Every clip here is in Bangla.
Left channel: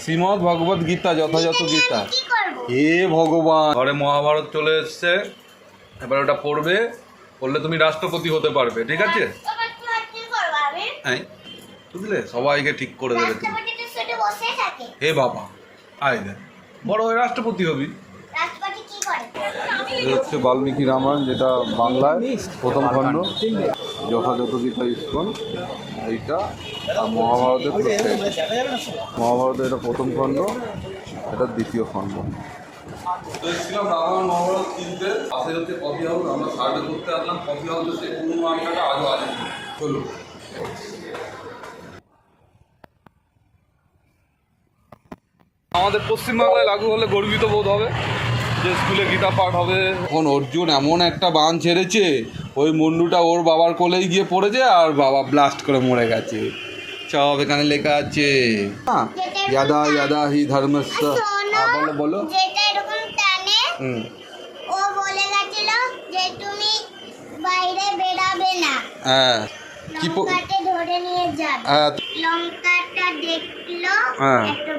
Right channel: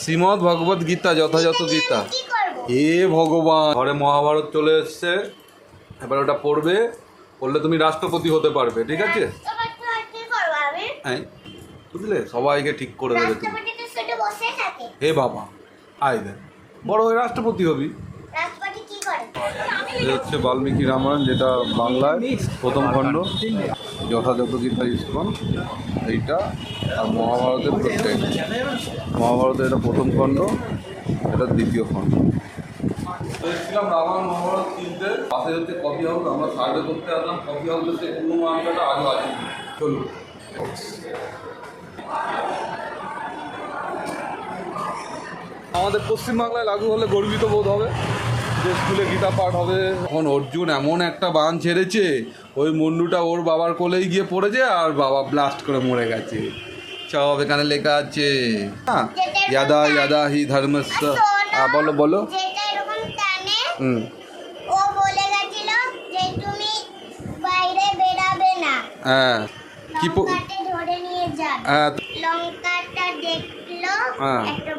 শ্রীমদ ভগবত গীতা যথাযথ গীতা। হে ভগবান। ঘরে মহাভারত চলে এসছে এবার ওটা পড়বে পড়লে তুমি রাষ্ট্রপতি হতে পারবে ঠিক আছে? এবার তো আর কি করব আমি? হ্যাঁ বুঝলে? সবাইকে ঠিক করে দেবে তুমি। রাষ্ট্রপতি তো শুধু বসে থাকে। হে বাবা আয় দেখ। বড় হয়ে রাষ্ট্রপতি হবি। এই হচ্ছে বাল্মীকি রামায়ণ, যেটা বাংলায় প্রথম খণ্ড। যথাযথ গীতা ইস্কন এইটা মহাভারতের প্রত্যেক মহাভারতের এটা প্রথম খণ্ড, এটা দ্বিতীয় খণ্ড। এসেছিলাম রামায়ণ, মহাভারত কিনতে পাশে হচ্ছে কফি হাউস আমরা করতে আসলাম। কফি পুরনো আড্ডাটা আজও আছে। চলুন। আমাদের পশ্চিমবাংলায় লাগু হলে গর্বিত বোধ হবে। যে স্কুলে গীতা পাঠ হবে। এখন অর্জুন এমন একটা বান ছেড়েছে ওই মুন্ডুটা ওর বাবার কোলেই গিয়ে পড়েছে আর বাবা ব্লাস্ট করে মরে গেছে। সব এখানে লেখা আছে। হ্যাঁ, ইয়াদা ইয়াদা হি ধর্মস্য। হ্যাঁ, বলো বলো। হুম। ও বলে গেছিল যে তুমি বাইরে বেরাবে না। হ্যাঁ। কি ধরে নিয়ে যাবে। হ্যাঁ। লঙ্কাটা দেখল হ্যাঁ। একটা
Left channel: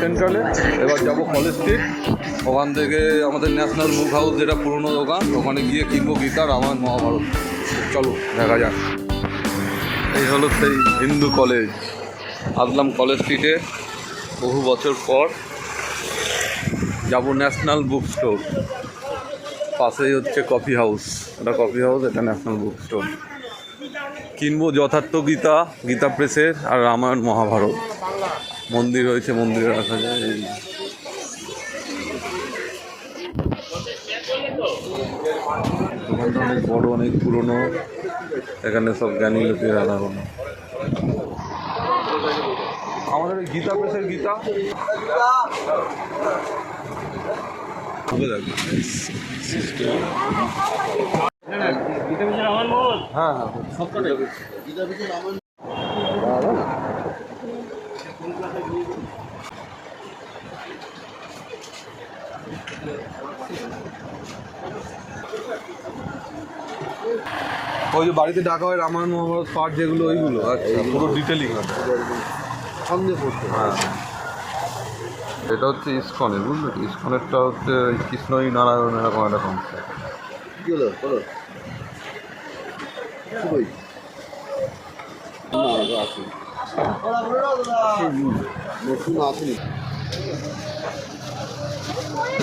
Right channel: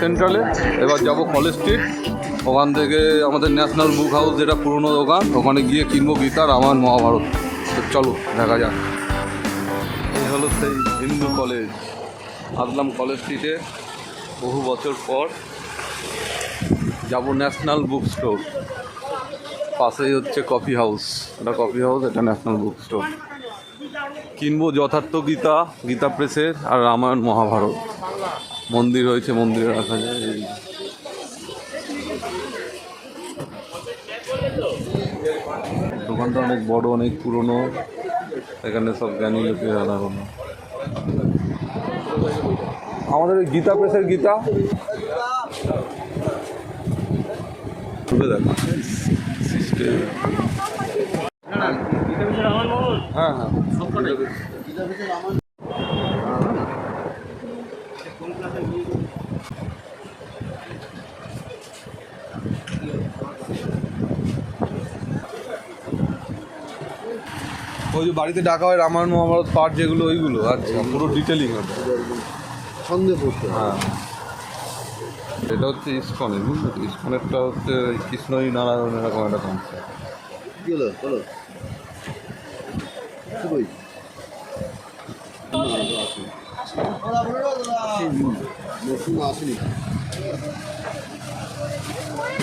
সেন্ট্রালে। এবার যাব কলেজ স্ট্রিট ওখান থেকে আমাদের ন্যাশনাল বুক হাউস, যেটা পুরনো দোকান, ওখানে গিয়ে কিনবো গীতা রামায়ণ মহাভারত। চলো, দেখা যাক। এই হলো সেই হিন্দু কলেজ আসলাম কলেজ স্ট্রিটে বহু বছর পর যাব ন্যাশনাল বুক স্টোর। পাশেই হচ্ছে কফি হাউস এটা কফি হাউস এটা ন্যাশনাল বুক স্টোর। কিনবো যথার্থ গীতা গীতা প্রেসের আর রামায়ণ মহাভারত। মন্দির রয়েছে মন্দিরে রাখা যায়। এই দোকানটা অনেক বড় অনেক পুরনো। এখানে সব জ্ঞানী লোকের আনাগোনা আমাদের ওই গীতা প্রেসের গীতা। দেখ। হ্যাঁ হ্যাঁ। ওই যে বাড়িতে ডাকা হয় রামায়ণ মহাভারত পাঠ যেগুলো ওইগুলো আচ্ছা। পুরো ডিটেলিং হবে। সন্দেহ করতে হ্যাঁ। এটা হচ্ছে ইস্কনের বুঝলি? ইস্কনেরটা হচ্ছে ওই কৃষ্ণই নারায়ণ এরকম একটা কনসেপ্ট কি হলো?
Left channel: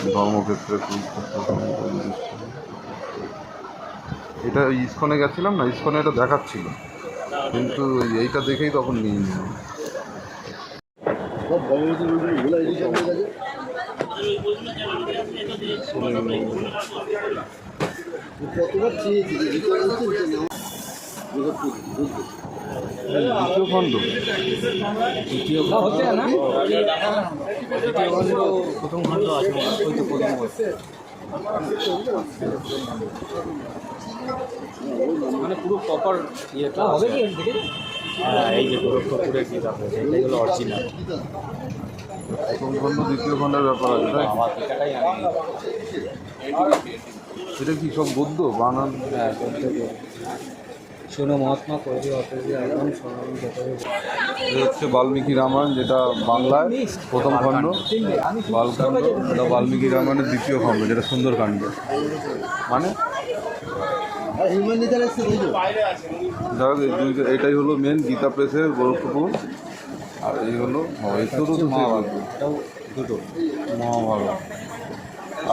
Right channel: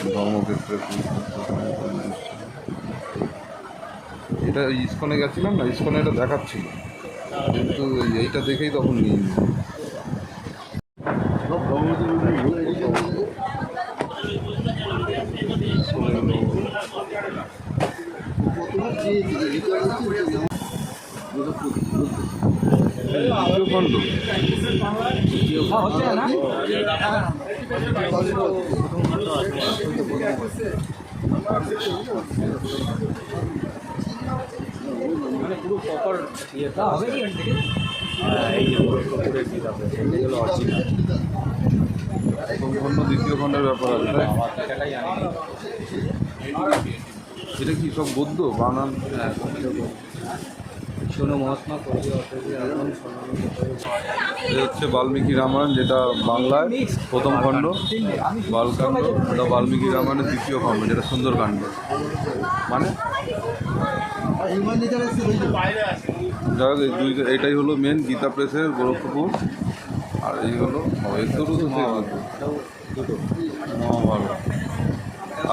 ধর্মক্ষেত্রে বিশ্ব। এটা ওই ইস্কনে গেছিলাম না ইস্কনে এটা দেখাচ্ছিল। কিন্তু এইটা দেখেই তখন নিয়ে নিলাম। সব ভগবতী বই ভুলে গেছে? কতবার চেয়েছি যে গীতা বলছে যে আমার- দ্বিতীয় খণ্ড মানে পুরো প্রপার ইয়েটা হবে। হ্যাঁ এই যে গোরক্ষপুরের এইগুলো অরিজিনাল প্রথম খণ্ড দ্বিতীয় খণ্ডের ব্যাপার আছে তাই? আমার আনিনি এটা কি সব গদ্য বানান? হ্যাঁ শোনো মহাত্মা এটা হচ্ছে বাল্মীকি রামায়ণ যেটা বাংলায় প্রথম খণ্ড। বালকাণ্ড এটা বাল্মীকি রামায়ণের দ্বিতীয় খণ্ড যেটা সুন্দরকাণ্ড। মানে আর হিউম্যান নেচার এসছে বুঝলো যাই হোক, দুই এটাই হলো মেন গীতা প্রেসের গোরক্ষপুর। আর এই হলো তো মহাভারত।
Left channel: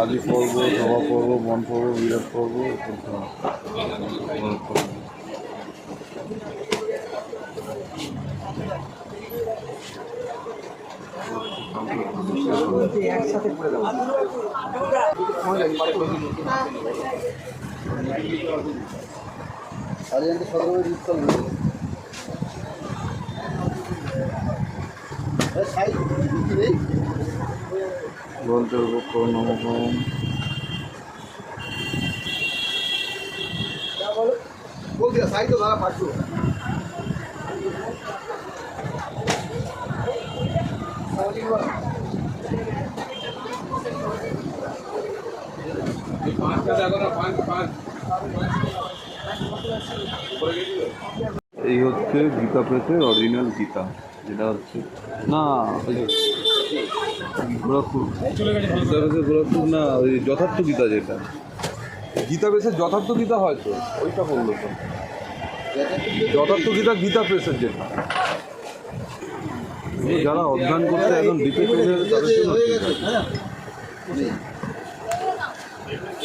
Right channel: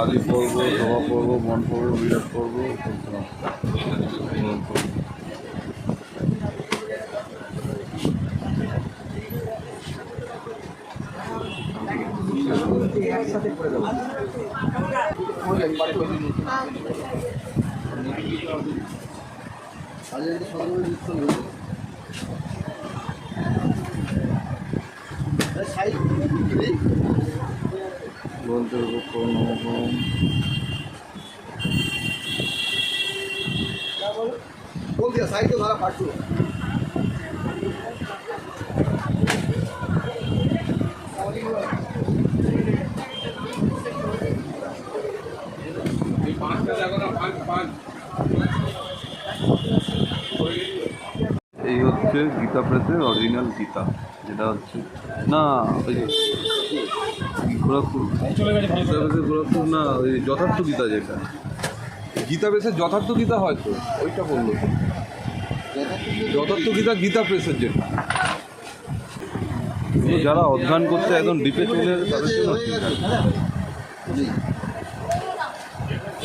আদি পর্ব সভা পর্ব মন পর্ব বিরাট পর্ব। একসাথে করে দেবো। সার্জেন্টে সতেরো মিনিট যুক্ত হবে গন্তব্য নবম বলতে সাইড তো ধরা পাঠলো পাঁচটা দেখো না পাঁচ পাঁচ এই হচ্ছে গীতা প্রেসের অরিজিনাল গীতা, যেটা হচ্ছে না, ওই গোরখপুর। গীতা প্রেসের গোরখপুর না, ওই যথার্থ গীতা যেটা। গীতা প্রেসের যথার্থ গীতা হয়তো ওইটা বলল যথার্থ গীতা গীতা প্রেসের যেটা। যারা অধ্যয়ন করতে একদম ডিপে চলে তাদের জন্য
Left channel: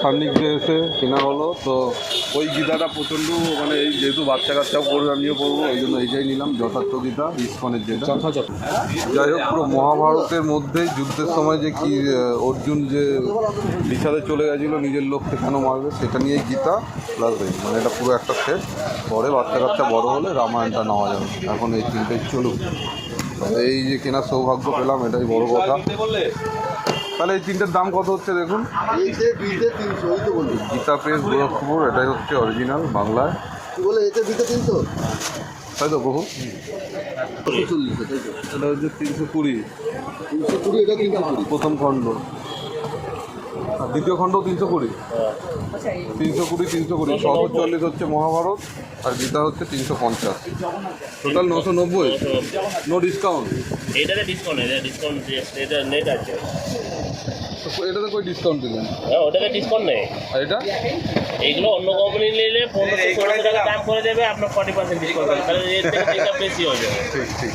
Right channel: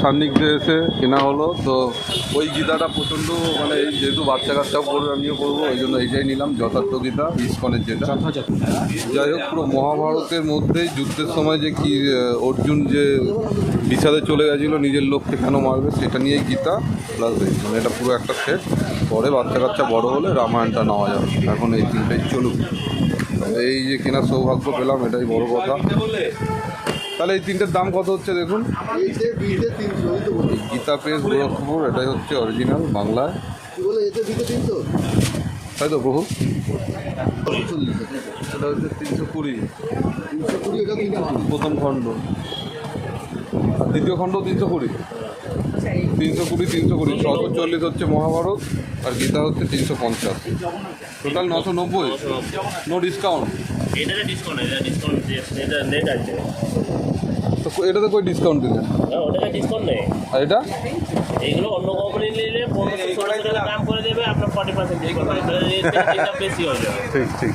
সান্নিধ্যে এসে কেনা হলো তো ওই গীতাটা প্রচণ্ড মানে এই যেহেতু বাচ্চা কাচ্চাও পড়বে আমিও পড়ব এই জন্য এইটাই নিলাম যথার্থ গীতা ইস্কনের যেটা। যাই হোক পুরো মহাভারতের মধ্যেই যুদ্ধের সময় যে কি অর্জুন যে বিচারে চলে গেছিল নিজের লোককে কেন মারবে সেটা নিয়েই গীতা প্লাস মানে এটা পুরো একটা সেট পরে বাচ্চা কাচ্চা বড় হলে রামায়ণটা নেওয়া যাবে। এখন এই তিনটেই চলুক। এই যে কেনার সৌভাগ্য পেলাম এটাই বড় কথা। তাহলে এই তিনটের দাম কত হচ্ছে দেখুন? গীতা প্রেস গোরক্ষপুর এটাই হচ্ছে অরিজিনাল বাংলায়। বলে এতে ভিতে তিনশো? হয়তো বহু এটা হচ্ছে তিনশো কুড়ি। তিনশো কুড়ি এটা তিনশো কুড়ি। প্রথম খণ্ড। আর দ্বিতীয় খণ্ড তিনশো কুড়ি। তিনশো কুড়ি তিনশো কুড়ি। ছশো চল্লিশ হচ্ছে মহাভারত আর গীতা হচ্ছে তিনশো পঞ্চাশ। টোটাল নশো নব্বই। নো ডিসকাউন্ট এটাতে কই ডিসকাউন্ট দিলেন? হ্যাঁ ওটাতে ডিসকাউন্ট নেই। আর এটা? এইগুলো অন্য কোম্পানি নিলে পনেরোশো টাকা দাম করে দেবে আপনার ফর্টি পার্সেন্ট ডিসকাউন্ট হবে তাহলে রেট থেকে তিনটা বেশি হয়ে যাবে। ঠিক ঠিক।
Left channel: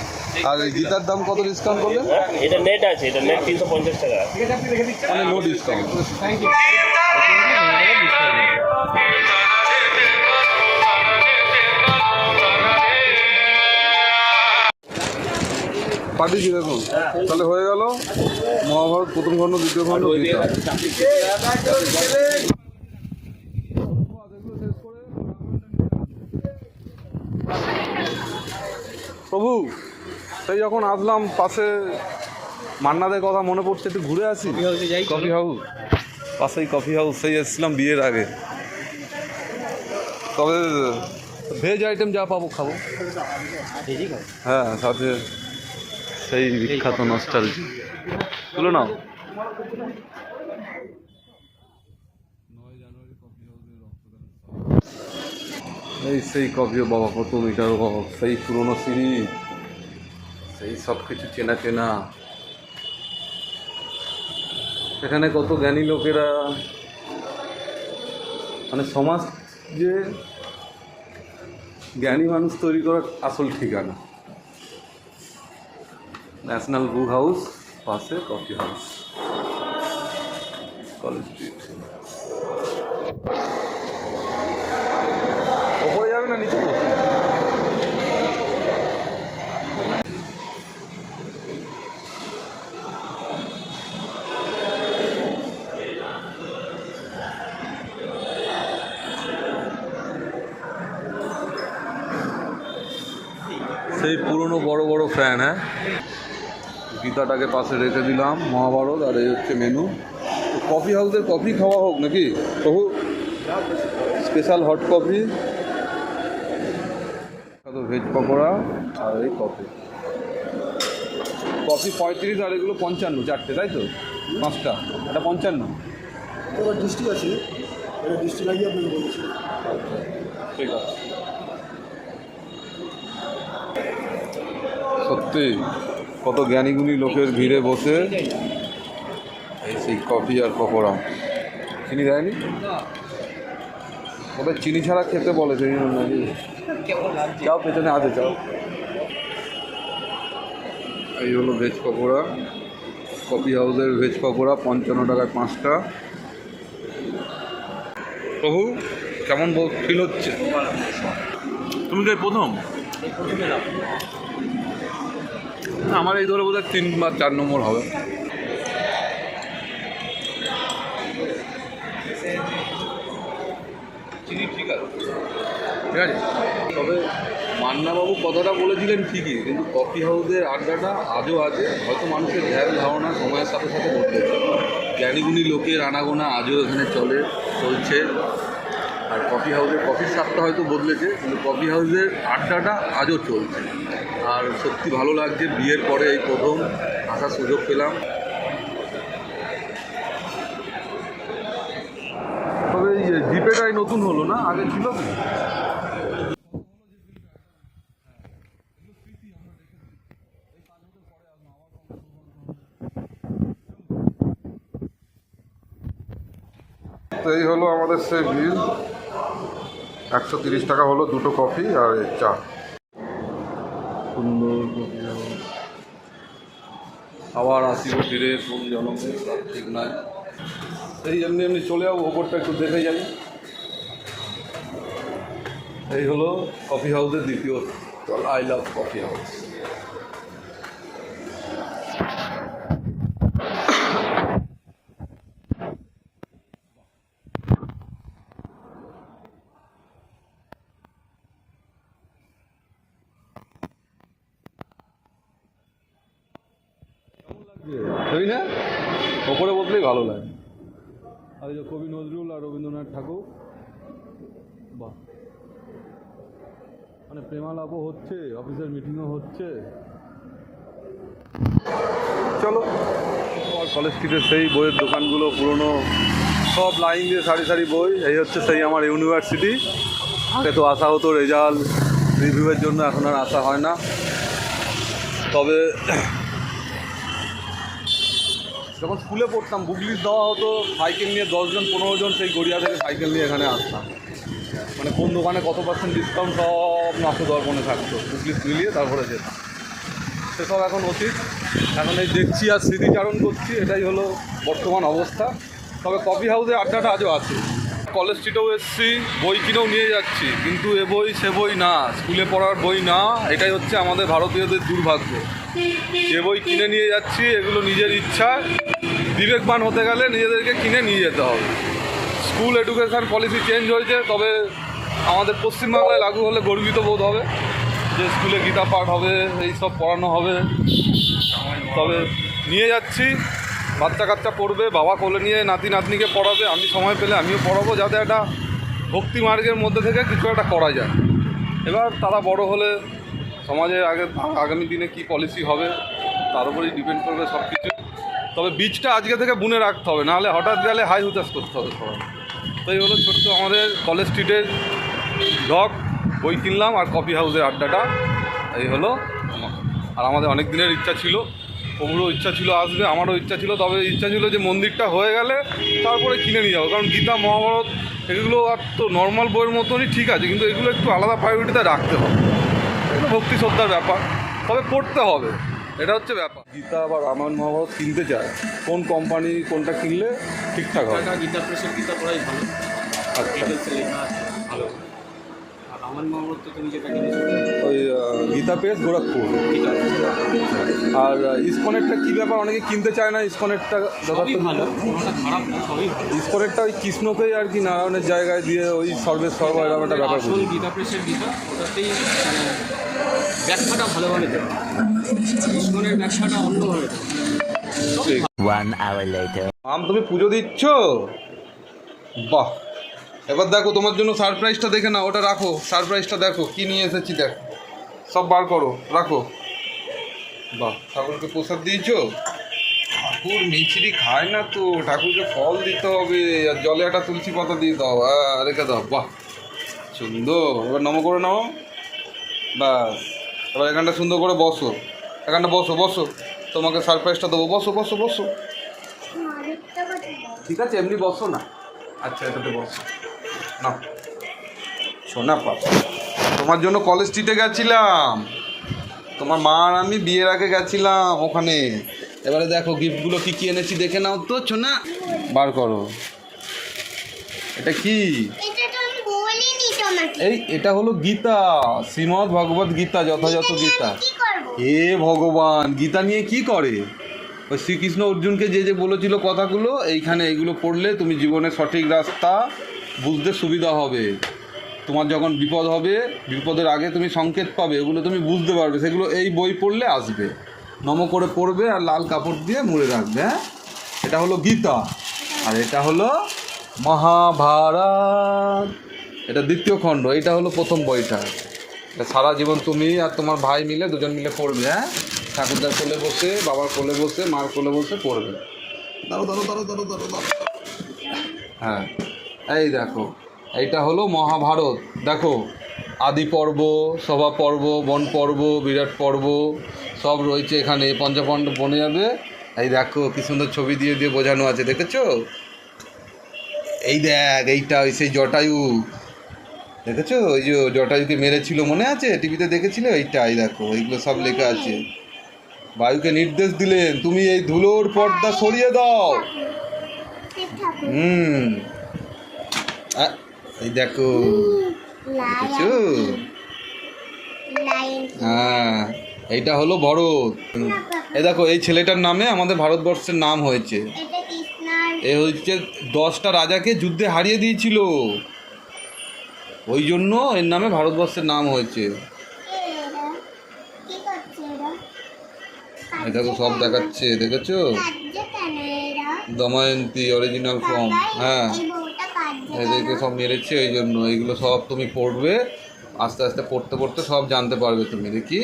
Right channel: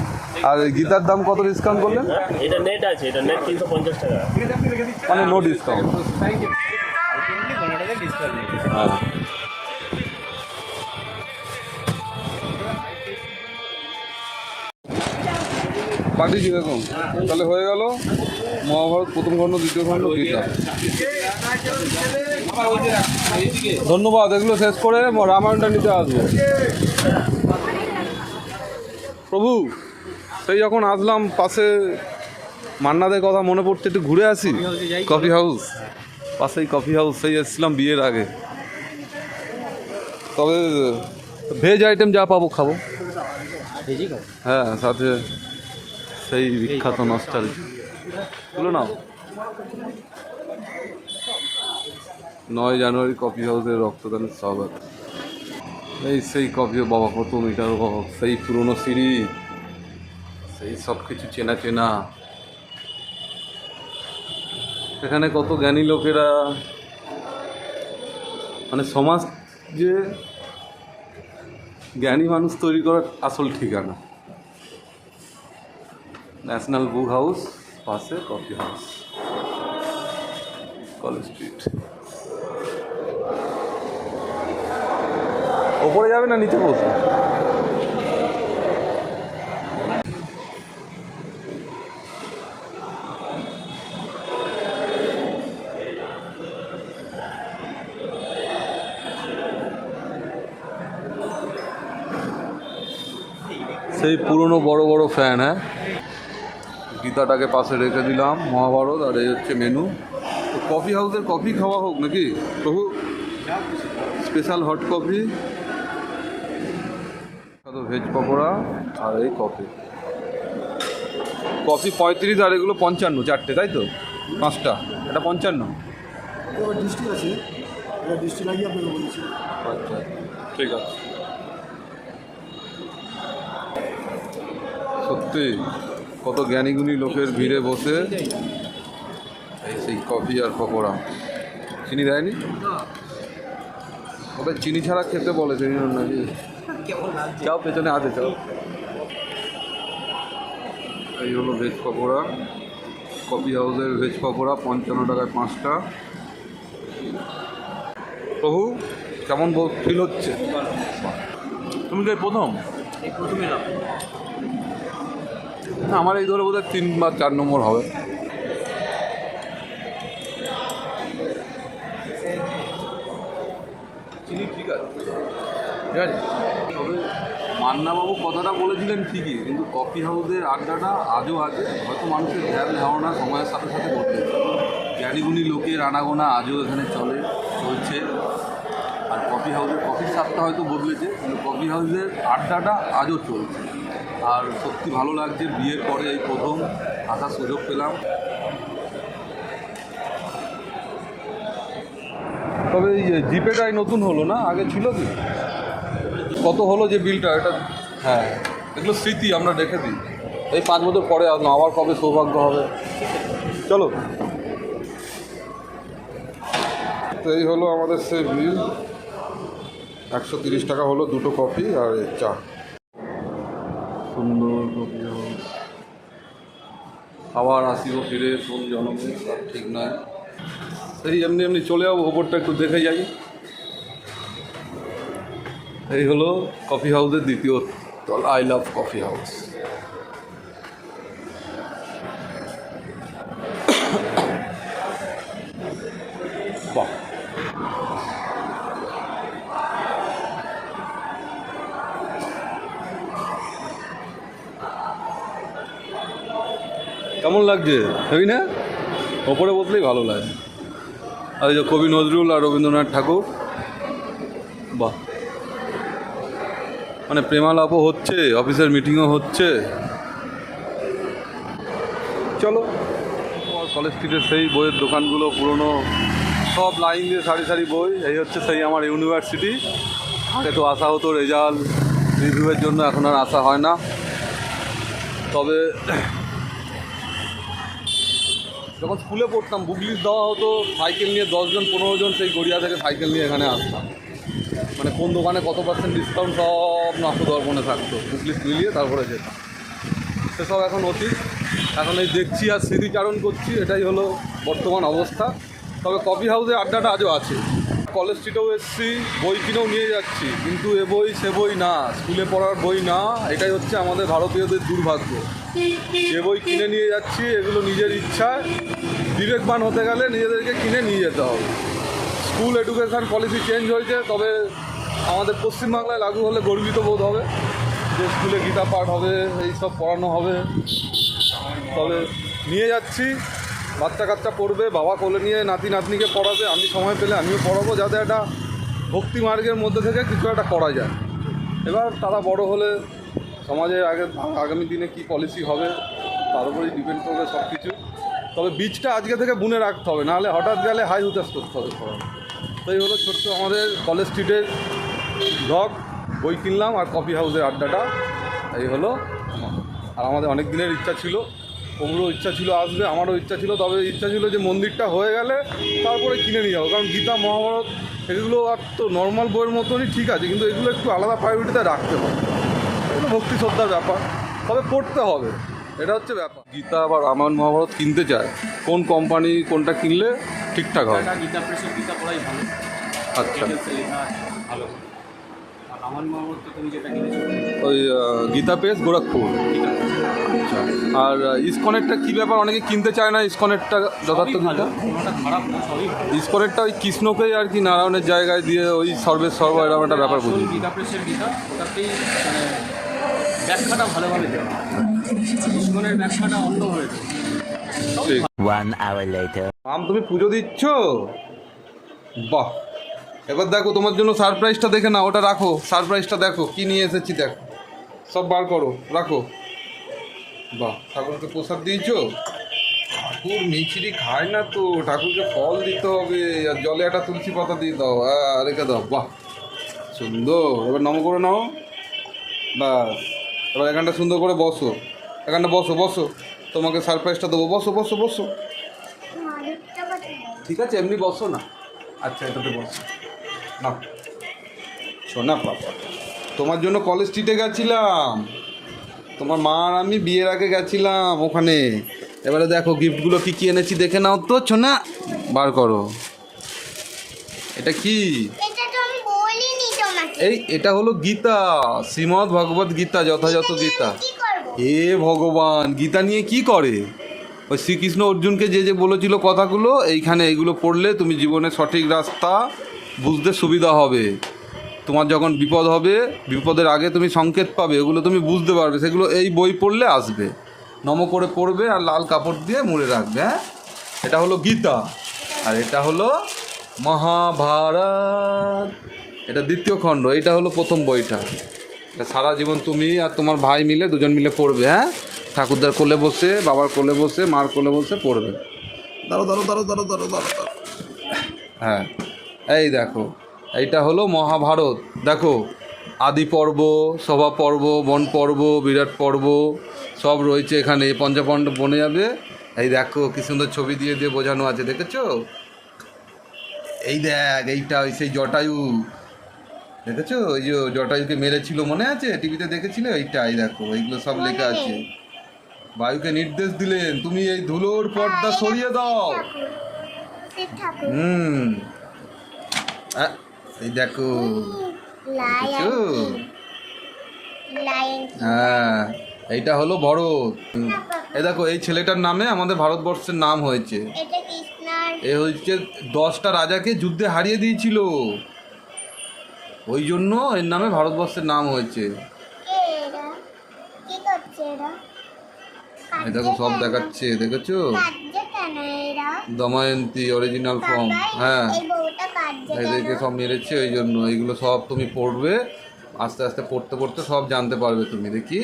আর গীতার দাম কত ডিসকাউন্ট করলেন? এটা নেট আছে এটা নেট তিনশো পঞ্চাশ টাকা। মানে নো ডিসকাউন্ট পাঠিয়েছি দেখুন? তাহলে হয়ে গেল মহাভারত প্রথম খণ্ড দ্বিতীয় খণ্ড গীতা। ধন্যবাদ এগুলো শেষ করে রামায়ণটা নিতে আসব। প্রভু সেই যখন আসলাম পাশে মান্নাদের কথা মনে পড়ছে একটু ঘুরে আসি কফি হাউস পাশেই কফি হাউস সেই এসেছিলাম বিয়ের আগে। তবে ভেজ আইটেম যা পাবো খাব। হ্যাঁ সাথে সেই বিখ্যাত নস্টাল তুলো নাও। নয় জানুয়ারি কফি হাউসের রক্তদানের স্বাগত। এই সেই কফি বাবা কত মিটার সেই পুরনো সিঁড়ি। সেই সব কিছু চেনা চেনা। এখানে কত জ্ঞানী লোকেরা। মানে সমাজ যে জ্ঞানী মানুষ তৈরি করার আসল ঠিকানা। ন্যাশনাল বুক হাউস পাশে কফি হাউস। College street. ওপরে যাবে না নিচে বসবে? সেই পুরনো বড় বড় ফ্যান হ্যাঁ? গীতাটাকে পাশে রেখে দিলাম মহাভারত আর এই হচ্ছে মেনু। তো কফি হাউসের কফি খাওয়া হোক নাকি? প্রভু special hot coffee veg pakora আর এই কফি কফি পঁয়ত্রিশ আর এগুলো পঞ্চান্ন চারটে তাই তো? পাঁচটা এটা পঞ্চান্ন। ডিস্ট্রিক্ট আছে। ডিস্ট্রিক্ট আচ্ছা ঠিক আছে। সত্যি কত জ্ঞানীগুণী লোকের ভিড়ে বসে এই সেই কফি আর পকোড়া। চিনি দেয়নি? ওদের চিনি ছাড়া খেতে বলে সেই জন্য নাকি? যাও পেছনে আছে চাও এই হলো ভেজ পকোড়া। কফি হাউসের ভেজ পকোড়া পঞ্চান্ন টাকায় পাঁচটা। প্রভু কেমন ফিল হচ্ছে? তুমি কি প্রথম? আমার এই ধরে বোধহয় তিন বা চার নম্বর হবে। ঠিক আছে। তবে মান্নাবাবু কথাটা বলেছিলেন ঠিকই কিন্তু কফি হাউসের আড্ডাটা আজও আছে। হয়তো মানুষের ধ্যান ধারণা সময়ের সাথে সাথে বদলেছে জ্ঞানীগুণী লোকের আনাগোনা আজও এখানে চলে চলছে। আর কফি হাউসের কফির স্বাদটা হয়তো বদলেছে কিন্তু কফি হাউসের আড্ডাটা আজও চলছে। আর সত্যি ভালো লাগছে, বিয়ের পরে এই প্রথম আসার সুযোগ পেলাম। তবে এই জিপেটাই নতুন হলো না? আগে ছিল কি? কত হলো যে বিলটা? এটা হ্যাঁ এগুলো স্মৃতি, আমরা রেখে দিই। এই পাঁচ বছর পরে আবার কবে সৌভাগ্য হবে? চলো। তো এই হলো আমাদের সেই বিল। একশো টাকা হলো দুটো কফি আর চা। আবার আসিব ফিরে কোন জনমে, সব ঠিক নাই। এই এমনি এমনি চলে যাব, ওপরটা একটু দেখে যাই। এই হলো কফি হাউসের দ্বিতীয় আই লাভ কফি হাউস তাই না? ওপরে বসলেই ভালো লাগে। আর এই যে কবি নজরুল আর রবীন্দ্রনাথ ঠাকুর বাহ। মানে প্রেমালাপও হচ্ছে অফিসের মিটিংও হচ্ছে। চলো। আর কলেজ স্ট্রিটের সেই বইয়ের দোকানগুলো পুরনো সব লাইন দিয়ে সারি সারি বই। এই হচ্ছে সেই আমার ইউনিভার্সিটি আগে তো আসা হতো রেজাল্ট রিভিউয়ের জন্য এখন আর আসা হয় না। তবে যখন স্কুলে পড়তাম, বুক দেওয়া হতো, সাইকেল নিয়ে দশজন পনেরো জন সেই গড়িয়া থেকে সাইকেল নিয়ে এখানে আসতাম। মানে কোন দোকানে কত পার্সেন্ট ডিসকাউন্ট সব নাস্তো দর্পণে থাকতো। বুগলি মিলিয়ে তারপরে যেতাম। সেসব এখন অতীত। এখন এই দেখছি আর স্মৃতিচারণ করছি, এটাই হলো বর্তমান অবস্থা। তবে কফি হাউসে আড্ডাটা আজও আছে। কলেজ স্ট্রিটেও এসেছি, বই কিনেও নিয়ে যাচ্ছি। কিন্তু এ বই সে বই না, স্কুলে পড়ার বই না, এটাই হচ্ছে আমাদের ভারতীয়দের দুর্ভাগ্য। যে বই কিনে নিয়ে যাচ্ছি, এগুলো নিজের ইচ্ছা, বিবেকবান হতে গেলে নিজেদেরকে কিনে নিয়ে যেতে হবে। স্কুল এডুকেশান পলিসি চেঞ্জ হয়েছে, তবে আমাদের পশ্চিমবাংলায় লাগু হলে গর্বিত বোধ হবে, যে স্কুলে গীতা পাঠ হবে, এই সব পড়ানো হবে। তবে নিয়ে যাচ্ছি। বাচ্চা কাচ্চা পড়বে, বাবা কোলে নিয়ে নাতি নাতনিকে পড়াবে, আমি সময় পেলে আমিও পড়াবো যাতে একটা ভক্তি মার্গের মধ্যে থেকে কিছু একটা করা যায়। এবার তারা বড় হলে সমাজে আগে, আগামী দিনে কি পলিসি হবে, তার উপরেই ডিপেন্ড করবে সব কিছু তবে বীজটা আজকে থেকে বুনে রাখতে হবে, নাহলে হঠাৎ গেলে হাই হুতাশ করতে হবে পড়ানো তো এই হলো ছোট্ট আমাদের কলেজ স্ট্রিটের ঢক বই কিনলাম আর কফি হাউসের আড্ডাটা। এই হলো আর আমাদের অনেক দিনের ইচ্ছা ছিল ওগুলো ইচ্ছা ছিল আসবে আমারও ইচ্ছা ছিল তবে ইচ্ছা ছিল যে মন্দিরটা হয়ে গেলে তারপরে কিনে নিয়ে যাব। কারণ গীতা মহাভারত এগুলো আর তো নর্মাল বইয়ের মতনই ঠিক আছে কিন্তু এগুলো একটু আলাদা প্রায়োরিটিতে রাখতে হবে। এগুলো ভক্তি শ্রদ্ধার ব্যাপার তবে পড়তে হবে এটা হচ্ছে ব্যাপার। গীতা বা রামায়ণ মহাভারত কিনতে চায় কোন কোম্পানি কোনটা কিনলে ঠিকঠাক হবে? এটা গীতা প্রেসের গীতা পড়াই ভালো। আচ্ছা। ভালো। ওই গীতা পেস গোরখপুর? আর ইসকনেরটা কী ব্যাপার? অনেকে কিনতে চায় না ইসকনেরটা যথার্থ ভালো। ইসকনেরটা ওই কৃষ্ণকেই আর কি নারায়ণের জায়গায় দিয়ে ওই সর্বের সর্ব এরকম একটা ব্যাপার গীতা প্রেসের গীতা ওটাতেই মানে ব্যাখ্যাটা ভালোভাবে দেওয়া ইস্কনের ব্যাখ্যাটা অন্যভাবে দেওয়া. আম তুমি পুজো দিচ্ছ? বাহ। এবার দেখো তোমার জন্য সারপ্রাইজটা দেখে না ওটা রাখো। সারপ্রাইজটা দেখো কি নিয়ে এসেছি দেখো। সব বার করো রাখো। বাহ ঠাকুরকে প্রসাদ দিয়েছ? ঠাকুর মিছরি খায় না তো ঠাকুরকে ফল দিতে হবে আর জলে একটা তুলসী পাতা দিয়ে দাও রেখে দাও বাহ। সুন্দর এবার নম করে নাও। ব্যাস এবার এখানটা সুন্দর করে বসো। এখানটা বসো বসো। তোমাকে সারপ্রাইজটা দেবো বসো বসো বসো। ঠিক আছে এমনি বসো না। আচ্ছা এটাতে বসো। না। শোনা পাপা তোমার জন্য কলেজ স্ট্রিটে গেছিলাম। তোমার মা আর আমি বিয়ের আগে গেছিলাম ওখানে। এবারে দেখো গিফটগুলো কী কী এনেছি দেখে নাও তো ছোনা বার করো। এটা কি? এই এটা হলো গীতা। শ্রীমদ্ ভগবত গীতা যথাযথ গীতা। হে ভগবান গীতা নিয়ে কি করে? ওই শ্রীকৃষ্ণ অর্জুনকে যে যে বলেছিল কথাগুলো এইখানে এইগুলো পড়লে তুমি জীবনের সঠিক রাস্তা বুঝতে সুবিধা হবে। তোমার যখন বিপদ হবে, বিপদের আগে তুমি সংকেত পাবে ওগুলো তুমি বুঝতে পারবে। সেগুলো এই বই পড়লে আসবে। নম করে পড়বে আর লাল কাপড় দিয়ে মুড়ে রাখবে হ্যাঁ? এটা হলো গীতা। আর এটা হলো মহাভারত। এটা দ্বিতীয় খণ্ড, এটা হলো প্রথম বইটা। এটা সারা জীবন তুমি আর তোমার ভাই মিলে, দুজন মিলে পড়বে হ্যাঁ? ঠাকুরদার কোলে বসে, বাবার কোলে বসে, মার কোলে বসে পড়বে। দাঁড়ো দাঁড়ো দাঁড়ো দাঁড়ো দাঁড়ো দাঁড়ো। হ্যাঁ। এই দেখো এইটা হলো মহাভারত। দেখো আদি পর্ব সভা পর্ব বন পর্ব বিরাট পর্ব সব রয়েছে এখানে। পঞ্চপাণ্ডব বনে যাবে। এই দেখো কি সুন্দর ছবি দিয়ে দিয়ে বোঝানো আছে দেখেছ? এই দেখ এইটা ওই সেই জটায়ু। দেখেছ? ওই যে জটায়ুকে মেরেছিল মনে আছে? টিভিতে দেখেছিলে? এইটাই দেখো এইগুলো সব লেখা আছে। বায়ুকে নির্দেশ দিলেন তুমি এই ধুলোর পর্দা সরিয়ে দাও। হুম। এই দেখো। দেখেছ? হ্যাঁ এইটা হলো ভরত। এই দেখো এই ছেলেটার নামে আমাদের ভারতবর্ষের নাম হয়েছে। এ হচ্ছে দশটা রাজাকে যুদ্ধে হারিয়ে দিয়েছিল। ওই জন্য এর নামে ভারতবর্ষের নাম হয়েছে। দেখো সব দেখাচ্ছে দেখেছ? দময়ন্তী অরিজিনাল ফর্ম হ্যাঁ। এদেরকে সব মেরেছে ওই জন্য এইগুলো সব তুমি পড়বে আস্তে আস্তে পড়তে পড়তে সব জানতে পারবে তুমি দেখি।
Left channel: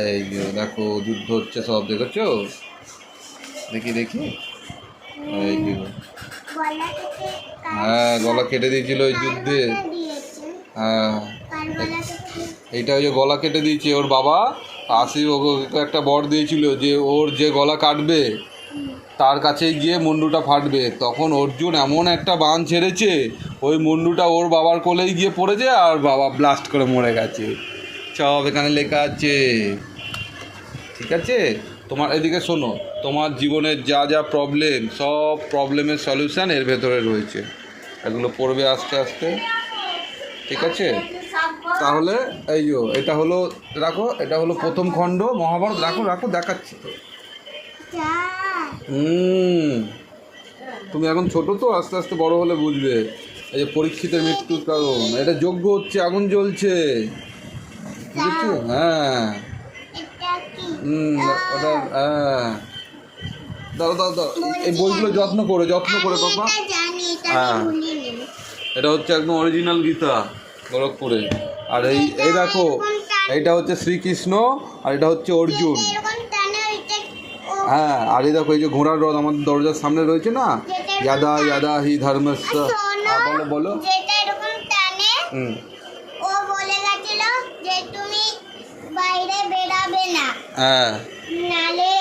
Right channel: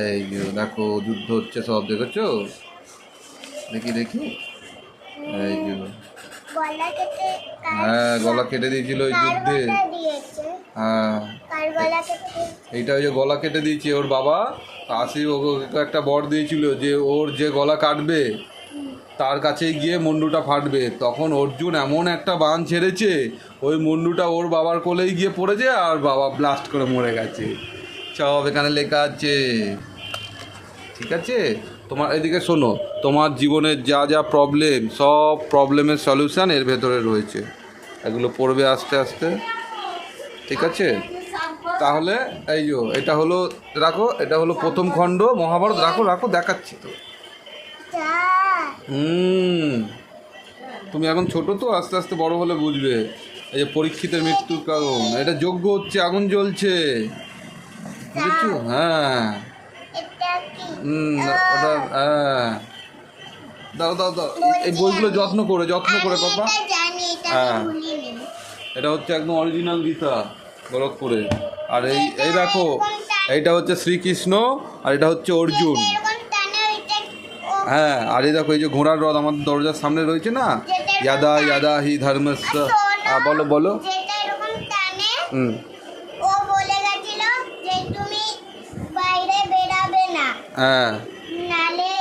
এই দেখো যুদ্ধ হচ্ছে সব দেখেছ? দেখি দেখি। এই যে হ্যাঁ গলা কেটে দিয়েছিল ওই যুদ্ধে। হ্যাঁ? এইটা ওই যে গলা কেটে দিয়েছে ওর বাবা আসি ওকে একটা বর দিয়েছিল যে ওর যে গলা কাটবে তার কাছে গিয়ে মুন্ডুটা ফাটবে। তখন অর্জুন এমন একটা বান ছেড়েছে, ওই মুন্ডুটা ওর বাবার কোলেই গিয়ে পড়েছে আর বাবা ব্লাস্ট করে মরে গেছে। সব এখানে লেখা আছে। ঠিক আছে? তোমার এদিকে শোনো, তোমার জীবনের যা যা প্রবলেম সব প্রবলেমের সলিউশান এর ভেতরে রয়েছে। এগুলো পড়বে আস্তে আস্তে। ঠিক আছে? তাহলে এই যো, এটা হলো, রাখো, এটা হলো প্রথম খণ্ড, মহাভারত, রাখো রাখো, দেখাচ্ছি তো। হুম। তুমি এখন ছোট তো আস্তে আস্তে বড় হলে বুঝবে। এই যে পরীক্ষিতের মৃত্যুর কারণ। এটা যোগ্য হচ্ছে আগুন জ্বলছে। বুঝেছ? হ্যাঁ। হুম ওটা হ্যাঁ। দাও দাও দাও। এই বইগুলো যত্ন করে যত্ন করে পাপা। এটা হ্যাঁ। এটা হচ্ছে একদম অরিজিনাল গীতা গোরখপুরে। আর এই এই দেখো এইটা হচ্ছে শ্রীকৃষ্ণ আর এটা হচ্ছে অর্জুন। হ্যাঁ আর এই দেখো এই যে ঘোড়ার রথ আমাদের দরজার সামনে রয়েছে না? ইয়াদা ইয়াদা হি ধর্মস্য। হ্যাঁ, বলো বলো। হুম। ও বলে গেছিল যে তুমি বাইরে বেরাবে না। হ্যাঁ। নালে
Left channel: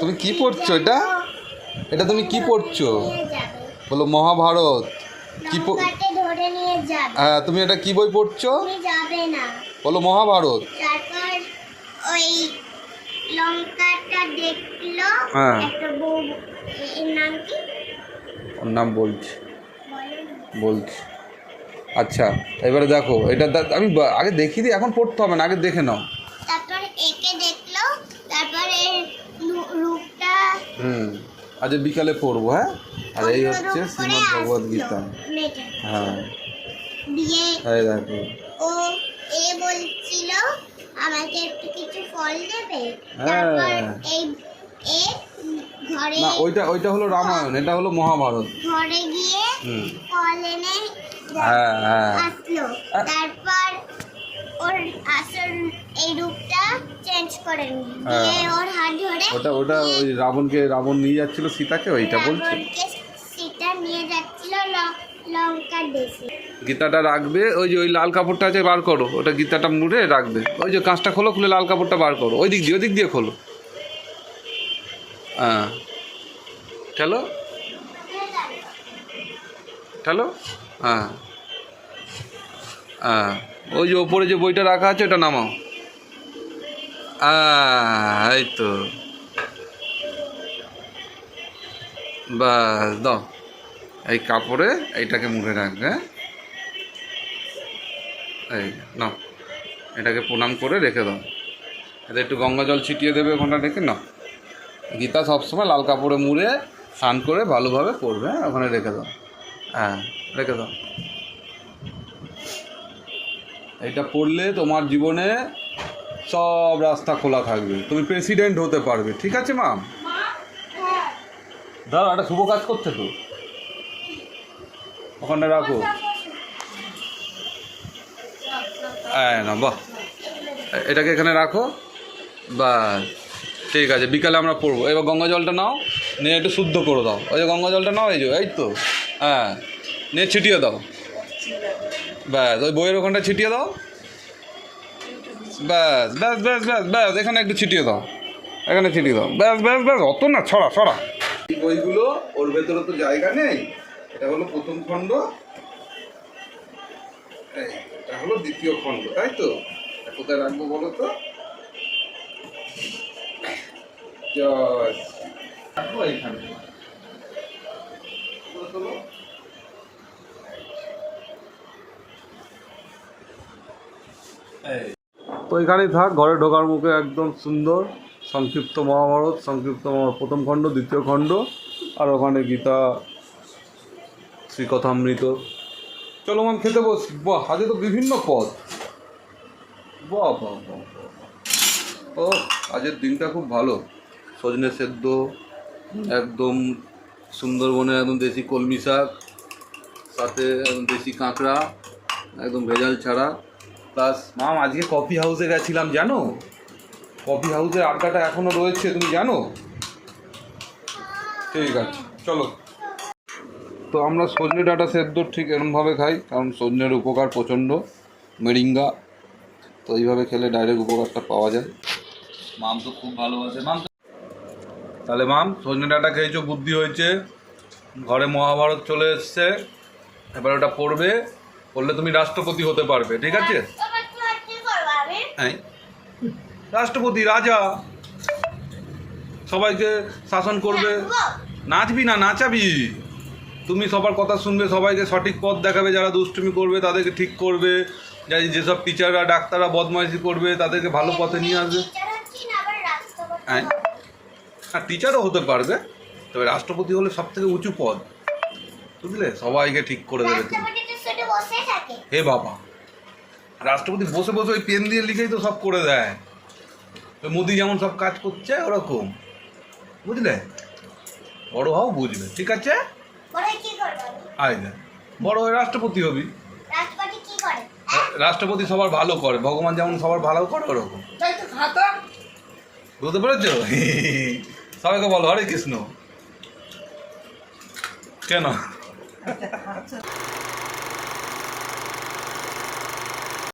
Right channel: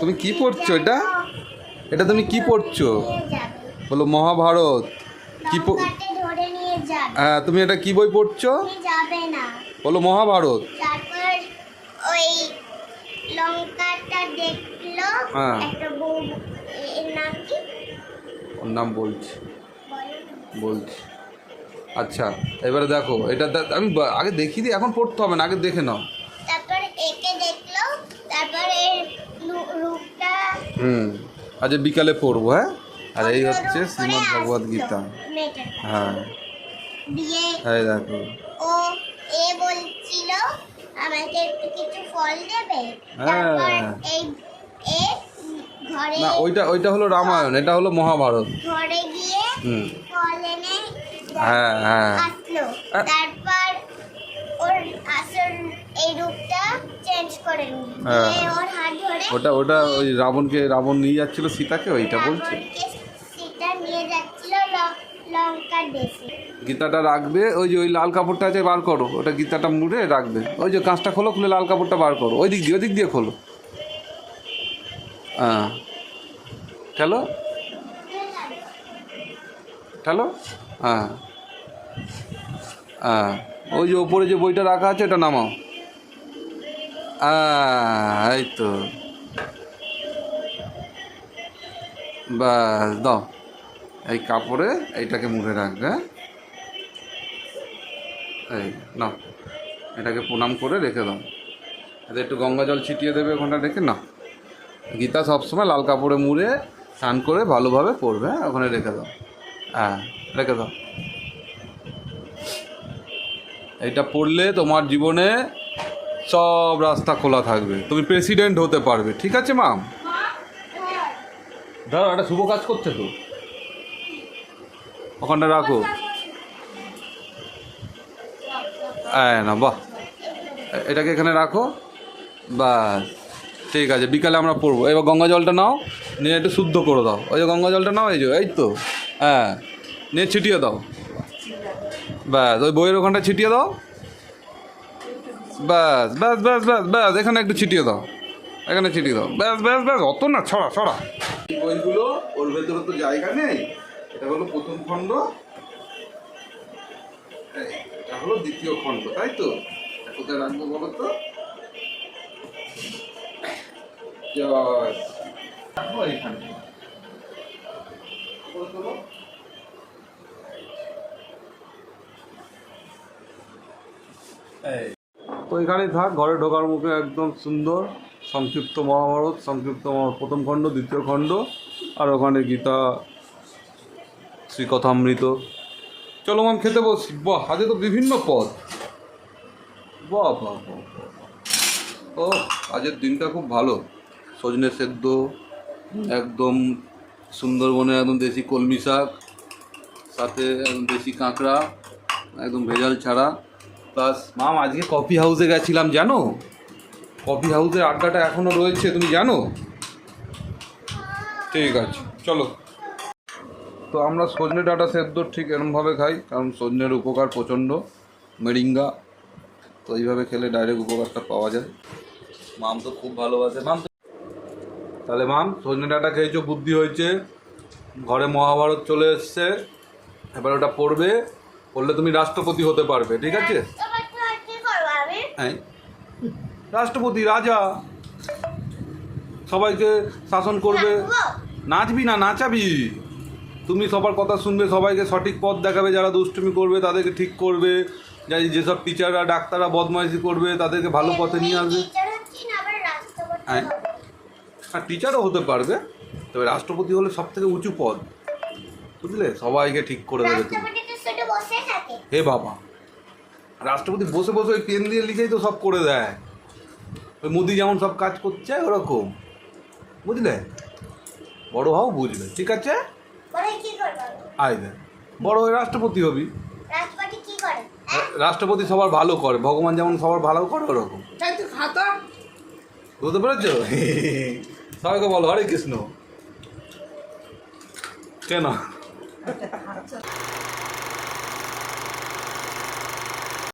তুমি কি পড়ছো এটা? এটা তুমি কি পড়ছো? বলো মহাভারত। কি হ্যাঁ তুমি এটা কি বই পড়ছো? বলো মহাভারত। তারপর ওই দেখল হ্যাঁ। একটা বউ এর নাম কি? ওর নাম বলছি। বলছি। আচ্ছা এবারে দেখো এটা আমি আগে দেখিয়ে দিই এখন পড়তে হবে না আগে দেখে নাও। তারপর একে দেখল তারপর এর রূপটা হুম আজ বিকালে পড়ব হ্যাঁ? আর এই হচ্ছে শ্রীমদ ভগবদ গীতা। হ্যাঁ। দিয়ে দেখো। ও এ বলছিল আমাকে একটু কিছু ফল দেবে? হ্যাঁ। তারপর এই এ ঘরে না ওইটা ওইটা হলো রামায়ণ এটা হলো মহাভারত। ঘরে গিয়ে ফল এনে হ্যাঁ হ্যাঁ। তারপর ওর আসল এই রূপটা চেঞ্জ করে নিল। হ্যাঁ। ওর হাত ধরে ওটা ওটা ওই রাবণকে রাবণ নিয়ে যাচ্ছিল সীতাকে ওইটা বলছে। সেটা নিয়ে যাচ্ছিল লঙ্কার দেশে। গীতাটা রাখবে, ওই যে ওই লাল কাপড়টা আছে বার করো, ওটা গীতাটা মুড়ে রাখবে। ওই যে কাঁচটা খোলো, খুলে লাল কাপড়টা বার করো। ওই দিক দিয়ে, ওই দিক দিয়ে খোলো। হ্যাঁ চলো চলো হ্যাঁ হ্যাঁ ওই যে ওপরে যে বইটা রাখা আছে, ওটা নামাও। এই তো। বাস, দাও। এই কাপড়ে এইটাকে মুড়ে রাখবে হ্যাঁ? এই, নাও। এটাকে প্রণাম করে রেখে দাও। এতে একটু গঙ্গা জল ছিটিয়ে দেবে ওখানটা রেখে নাও। গীতা সবসময় লাল কাপড়ে মুড়ে স্নান করে ভালোভাবে করবে হ্যাঁ ওখানে রেখে দাও। হ্যাঁ রেখে দাও। এটা পড়লে তোমার জীবনে সব রাস্তা খোলা থাকবে। তুমি প্রেসিডেন্ট হতে পারবে, ঠিক আছে মাম ধরো একটা শুভ কাজ করতে তো। ওখানে রাখো। না বাহ। এটাকে এখানে রাখো। বাস ঠিক আছে বিকালে আমরা পড়ব এবার গঙ্গা জলটা নাও নিয়ে একটু শুদ্ধ করে দাও। ওই যে গঙ্গা জলটা নাও এই যে এই তো। হ্যাঁ নিয়ে ছিটিয়ে দাও। ব্যাস ওই বইয়ের ওখানটা ছিটিয়ে দাও। ব্যাস ব্যাস ব্যাস ব্যাস ব্যাস এখানে একটু ছিটিয়ে দাও। এখানে ছিটিয়ে দাও। ব্যাস ব্যাস ব্যাস অত না ছড়া ছড়া। এই বইগুলো ওর ভেতরে তো জায়গা নেই। এটা হলো প্রথম খণ্ড। এই, হলো দ্বিতীয় খণ্ড, তাই তো? কোথায় রাখব বলো তো। তো। তো এখানেই থাক ঘরে ঢোকার মুখে একদম সুন্দর, সংক্ষিপ্ত মহাভারত, সংক্ষিপ্ত প্রথম খণ্ড, দ্বিতীয় খণ্ড, আর ওখানে গীতা, শ্রীকথামৃত। চলো মাম খেতে বসি, বাহ আজকে তো বিভিন্ন পদ। বাহ বাহ বাহ। ও আজকের দিনটা খুব ভালো। সজনে সেদ্ধ, একদম সুন্দরবনে একদম দেশি কলমি শাক, সাথে দেশি কাঁকড়া, একদম ভেজাল ছাড়া। প্লাস মাম, আজকে কফি হাউসে গেছিলাম, জানো? কফি হাউসের আড্ডাটা এখনও রয়েছে, তুমি জানো? ঠিক আছে, চলো। তো আমরা সজনে ডাটা সেদ্ধ ঠিক এরমভাবে খাই কারণ সজনের উপকার প্রচণ্ড মেরিঙ্গা তো এইভাবে খেলে ডাইরেক্ট উপকারটা পাওয়া যায়। মাম তো খুব ভালোবাসে। মাম তাহলে মাম সজনে ডাটা খেয়েছো বুদ্ধি হয়েছে ঘরে মহাভারত চলে এসছে এবার ওটা পড়বে পড়লে তুমি রাষ্ট্রপতি হতে পারবে ঠিক আছে? হ্যাঁ রাষ্ট্রপতি রাজা সবাইকে শাসন করবে। নাচবি না নাচাবি? তুমি সবার কথা শুনবে সবাইকে সঠিক পথ দেখাবে যারা দুষ্টুমি করবে তাদেরকে ঠিক করবে। যাই যেসব টিচাররা ডাক্তাররা বদমাইশি করবে তাদেরকে ভালো পথে নিয়ে আসবে। রাষ্ট্রপতি হ্যাঁ টিচারও হতে পারবে তবে রাষ্ট্রপতি হলে সব থেকে উঁচু পদ। বুঝলে? সবাইকে ঠিক করে দেবে তুমি। হে বাবা। রাষ্ট্রপতি বসে বসে ওই পেন দিয়ে লিখেই তো সব করে দেয়। ওই মোদি যেমন সব কাজ করছে ওরকম। বুঝলে? বড় হও বুঝবে। ঠিক আছে? আয় বড় হয়ে রাষ্ট্রপতি হবি। রাষ্ট্রপতি রাষ্ট্রপতি সবার ভালো করে ভগবান যেমন সবার ভালো করে ওরকম। বুঝতে পেরেছ? সবাইকে বলো হরে কৃষ্ণ। কেন?